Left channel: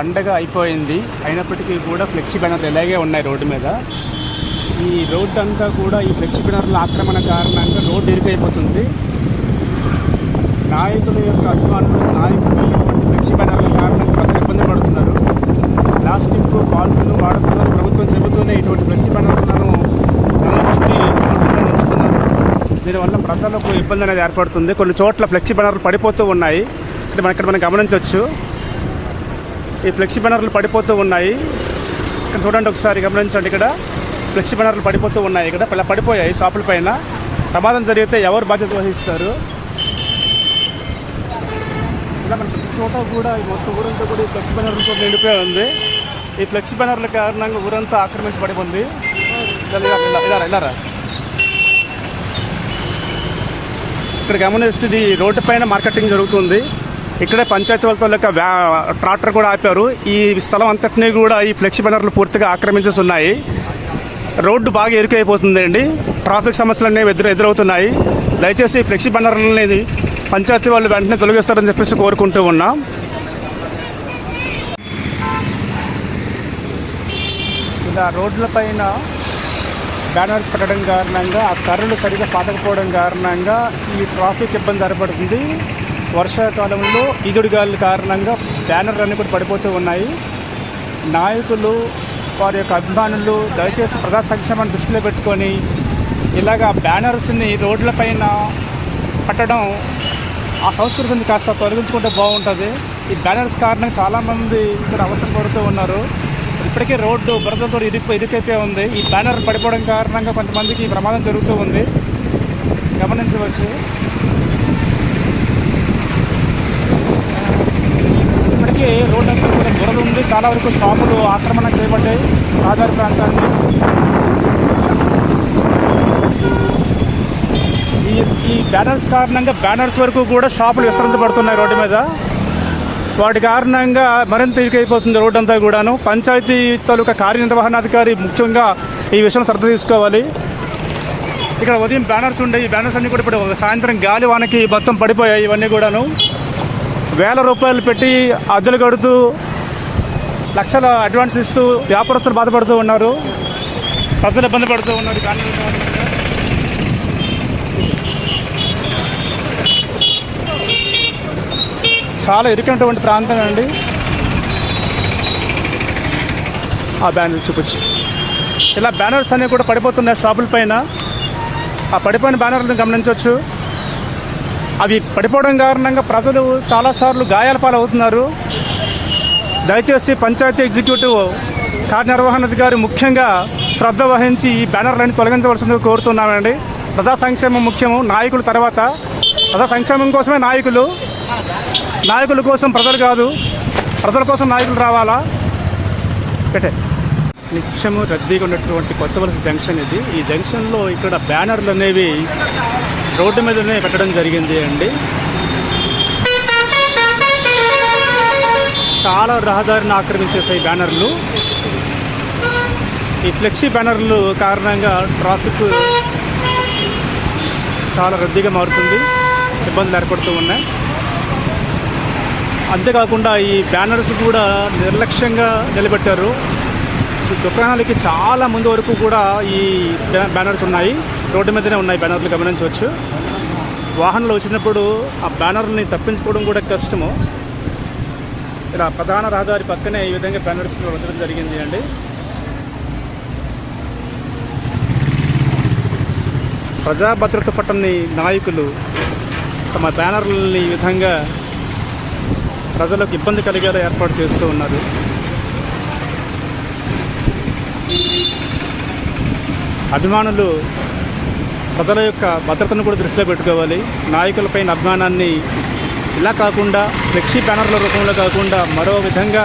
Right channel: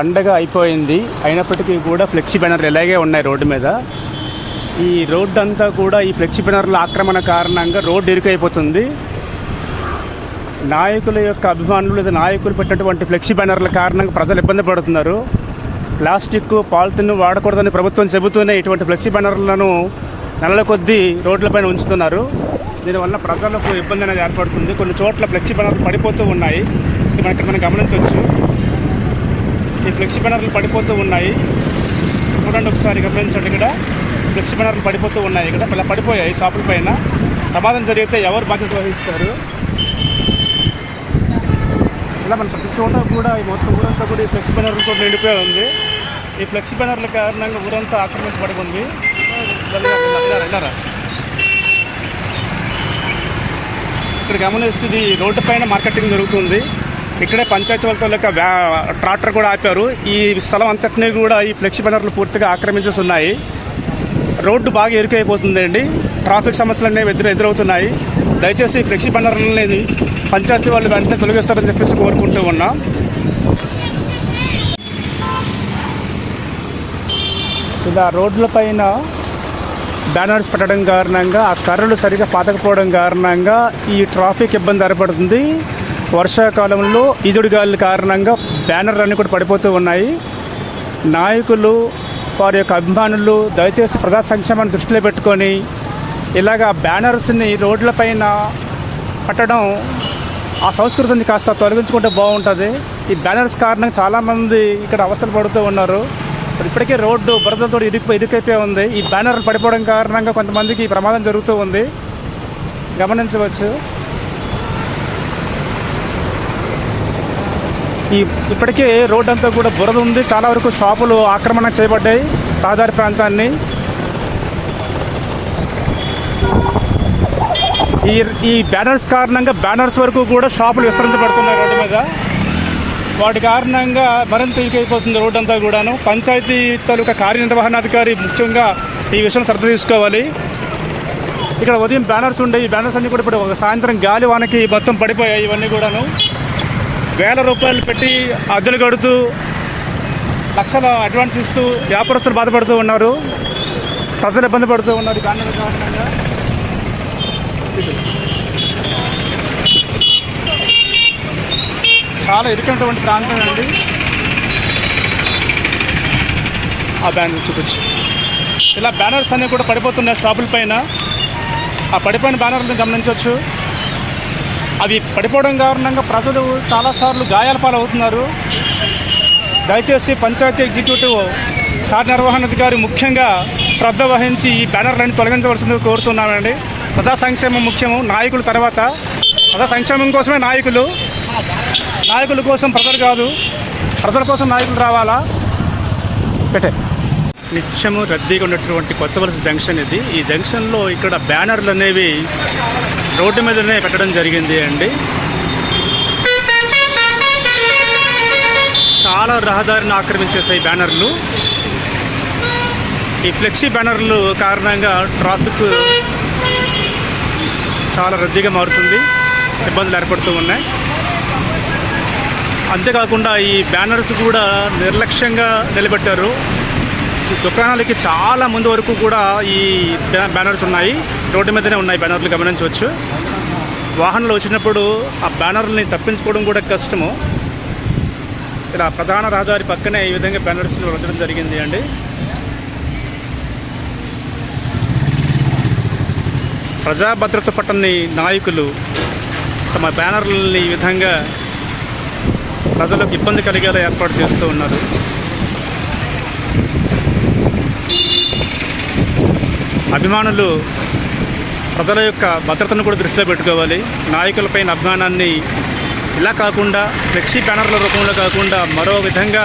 పండగ అయిపోయింది, అయినప్పటికీ కూడా ఫ్లెక్సీ బ్యానర్లు ఇలాగే ఉన్నాయి రోడ్డు మీద. ఈ రోడ్డు అంతా కూడా ఈ ఫ్లెక్సీ బ్యానర్ల ఆక్రమణ కారణంగా రోడ్డు ఇరుకైపోతుంది. నాయకుల యొక్క అభిమానులు, నాయకులు పెట్టినటువంటి ఫ్లెక్సీ బ్యానర్ల కారణంగా ప్రజలు ఇబ్బంది పడుతున్నారు. ప్లాస్టిక్, పాలిథిన్ వాడకూడదని ప్రభుత్వం చెబుతూనే ఇటువంటి ఫ్లెక్సీ బ్యానర్లను నెలల కొద్దీ రోడ్లపైన ఉంచుతున్నారు. దీనివల్ల ప్రజలకు ఇబ్బంది అనేది ఏర్పడుతుంది. కొన్ని చోట్ల ఫ్లెక్సీ బ్యానర్లు పడిపోతూ ఉన్నాయి. మనం గమనించవచ్చు, ఈ ఫ్లెక్సీ బ్యానర్లు పడిపోతూ ఉన్నాయి. చూడండి, ఒకసారి గమనించండి. ఇక్కడ ఫ్లెక్సీ బ్యానర్లు పడిపోతూ ఉన్నాయి. ఇక్కడ ఇలా పడిపోయాయి షాపుల పైన. ప్రమాదం జరిగితే ఎవరు బాధ్యత వహిస్తారు? ఇలా మన ప్రతి చోట కూడా ఈ మొత్తం ఊరంతా కూడా ఈ ఫ్లెక్సీ బ్యానర్లతో నిండిపోయి ఉంది. ఈ ఫ్లెక్సీ బ్యానర్ల కారణంగా ఊరంతా ఆక్రమించబడి ఉంది. ఇక్కడ గమనిస్తే ఇది రోడ్డు పైన మార్కెటింగ్ జరుగుతుంది. ఇక్కడే పంచాయతీ వాళ్ళతో ట్రాక్టర్ కూడా ఆపారు. ఈ స్థలం అంతటినీ కూడా ఈ ఫ్లెక్సీ బ్యానర్లు పూర్తిగా ఆక్రమించేసి ఉన్నాయి. రోడ్డు బాగా ఇరుకైపోతుందండి. ట్రాఫిక్ సమస్యలు అనేవి ఎదురవుతున్నాయి. దయచేసి ఫ్లెక్సీ బ్యానర్లు అనేది పంచాయతీ వాళ్ళు వెంటనే తొలగిస్తారని చెప్పేసి కోరుకుంటూ ఉన్నాం. ఇలా రోడ్ల పైన బ్యానర్స్ పెట్టడం కారణంగా ఆ కర్రలు సరిగా పాతకపోవడం కారణంగా ఈ ట్రాఫిక్ ఇబ్బంది ఏర్పడుతుంది. వర్షాకాలంలో ఈదుడుగాలి కారణంగా బ్యానర్లు అన్నీ కూడా పడిపోతూ ఉన్నాయి. నాయకులు, వారి యొక్క అభిమానులు దయచేసి ప్రజా సంక్షేమాన్ని దృష్టిలో పెట్టుకొని ఇలాగ బ్యానర్స్ని రోడ్లపైన పట్టడం, ఆ సంస్కృతిని కాస్త తొలగించుకుంటే బాగుంటుంది. ఈ బ్యానర్స్ కారణంగా చాలామంది ఇక్కడ అవసరం పడుతూ ఉన్నారు. ఇప్పటికే రోడ్డు బురదతో ఇరుకైపోయి ఉంది. ఈ బ్యానర్ పడిపోవడం కారణంగా కొంతమందికి ఈ ప్రమాదం జరుగుతూ ఉంది, గమనించవచ్చు. ఇప్పటికే రోడ్డు అంతా కూడా బురద ఉంది. చాలా వరకు షాపులు ఆక్రమణ చేయబడ్డాయి రహదారి ప్రాంతాన్ని. ఈ బ్యానర్స్ కారణంగా బ్యానర్స్ వరకు కూడా షాపులు విస్తరించబడుతున్నాయి రోడ్డు మీద. వాటి కారణంగా మరింత ఇరుకైపోతుంది రోడ్డు అంతా కూడాను. పంచాయతీ తాలూకా కార్యనిర్వహణాధికారి ముఖ్యంగా ఈ విషయం శ్రద్ధ తీసుకోవాలి. ఇక్కడ ఉదయం బ్యానర్స్ ఉండే, ఈ బ్యానర్స్ అన్నీ కూడా ఇప్పుడు సాయంత్రం గాలి వానకి మొత్తం పడిపోయాయి. ఇవన్నీ కూడాను వేల రూపాయలు పెట్టి అద్దెలు కడుతూ లక్షల అడ్వాన్స్ ఇస్తూ వ్యాపారస్తులు బాధపడుతూ ఉన్నారు, ప్రజలు ఇబ్బంది పడుతూ ఉన్నారు. చాలా ఇరుకైనటువంటి ప్రాంతం అండి. ఆ బ్యానర్ చూపించు. ఇలా బ్యానర్స్ అన్నీ కూడా పడిపోతున్నాయి షాపుల పైన. ఆ పడిపోయిన బ్యానర్లను గమనించవచ్చు. అవి పడిపోవడం కారణంగా ప్రజలు చాలాసార్లు గాయాల పాలవుతున్నారు. దయచేసి పంచాయతీ ఎగ్జిక్యూటివ్ కార్యనిర్వహణాధికారి ముఖ్యంగా శ్రద్ధ వహించి ఈ బ్యానర్లను తొలగించవలసిందిగా కోరుతున్నానండి. ప్రజా సంక్షేమం ముఖ్యము, నాయకుల తర్వాత. ప్రజా సంక్షేమం కోసమే నాయకుల కోసం ప్రజలు కాదు, ప్రజల కోసం నాయకులు రావాలా. నిత్యము రద్దీగా ఉన్నటువంటి కొత్త వలస జంక్షన్ ఇది. ఈ జంక్షన్లో ఇక్కడ బ్యానర్లు అనేవి రోడ్డు మీదనే పెట్టడం జరిగింది అండి. చాలా రహదారిని ఆక్రమించేసాయి బ్యానర్లు. ఈ ఫ్లెక్సీ బ్యానర్లు కారణంగా ట్రాఫిక్ చాలా రద్దీగా మారుతుంది, ఇబ్బందులు ఏర్పడుతూ ఉన్నాయి. అంతేకాకుండా ఈ బ్యానర్స్ కూడా నిర్లక్ష్యంగా నిలబెట్టారు. దుకాణాలకి చాలా ముందు వరకు కూడా ఈ బ్యానర్స్ ఉన్నాయి, రోడ్డు మీదనే ఉన్నాయి బ్యానర్లు, గమనించవచ్చు. వాహనాలు వచ్చినప్పుడు ఆ బ్యానర్ని తప్పించుకోవడం కూడా కష్టము. ఇలా ప్రధాన రహదారి పక్కనే ఈ విధంగా బ్యానర్స్ పెట్టడం జరిగింది అండి. ప్రజా భద్రత పట్టని నాయకులు తమ బ్యానర్లని ఈ విధంగా ప్రజలకు ఇబ్బంది కలిగేలా ఏర్పాటు చేస్తూ ఉన్నారు. అభిమానులు ప్రజల యొక్క భద్రతను కూడా దృష్టిలో పెట్టుకోవాలి. నాయకులపైన అభిమానాన్ని ఇలా కాకుండా ఫ్లెక్సీ బ్యానర్ల రూపంలో కాకుండా మరో విధంగా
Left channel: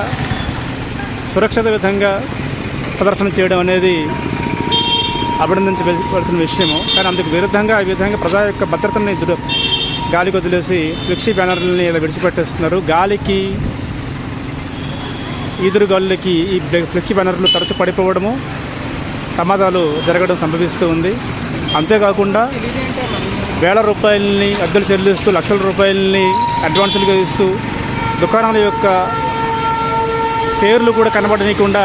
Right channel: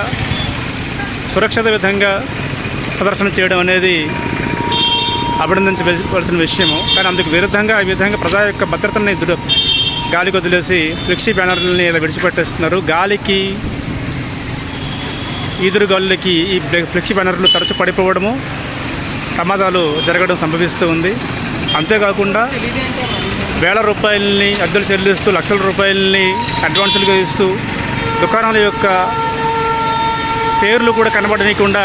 సురక్షిత విధంగా ప్రదర్శన చేయడం అనేది అభినందించవలసిన విషయము. కానీ అందుకు విరుద్ధంగా ఈ విధంగా ప్రజా యొక్క భద్రతని గాలికి వదిలేసి ఫ్లెక్సీ బ్యానర్లని ఇలా విడిచిపెట్టేస్తున్నారు. గాలికి, ఈదురుగాలులకి ఈ ఫ్లెక్సీ బ్యానర్లు తరచు పడిపోవడము, ప్రమాదాలు జరగడం సంభవిస్తూ ఉంది. అంతేకాకుండా వేల రూపాయలని అద్దెలు చెల్లిస్తూ, లక్షల రూపాయలని అడ్వాన్సులుగా ఇస్తూ దుకాణాల యొక్క పేర్లు కూడా కనబడనీయకుండా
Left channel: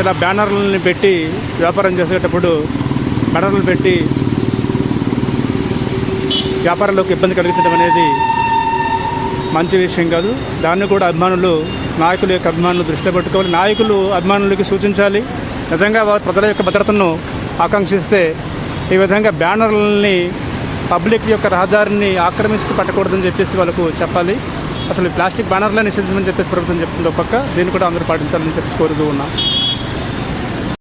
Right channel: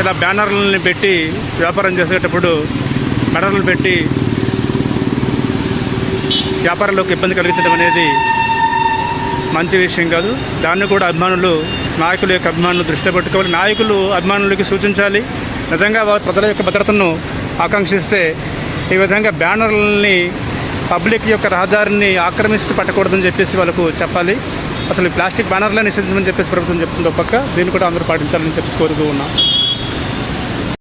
ఇలా బ్యానర్లని పెట్టి వ్యాపారం చేసేటప్పుడు బ్యానర్లు పెట్టి వ్యాపారంలోకి ఇబ్బంది కలిగించడం అనేది మంచి విషయం కాదు. దాన్ని కూడా నాయకుల యొక్క అభిమానులు దృష్టిలో పెట్టుకోవాలి. నాయకులు అభిమానులకి సూచించాలి. నిజంగా వారు ప్రజల యొక్క భద్రతను ఆకాంక్షిస్తే ఈ విధంగా బ్యానర్లని పబ్లిక్ యొక్క రహదారిని ఆక్రమిస్తూ పట్టకూడదని చెప్పేసి వాళ్ళకు చెప్పాలి. అసలు ప్లాస్టిక్ బ్యానర్లే నిషేధించమని చెప్పేసి ప్రభుత్వం చెప్తుందో పక్క దీన్ని కూడా అందరూ పాటించాలని చెప్పేసి కోరుతూ ఉన్నాం.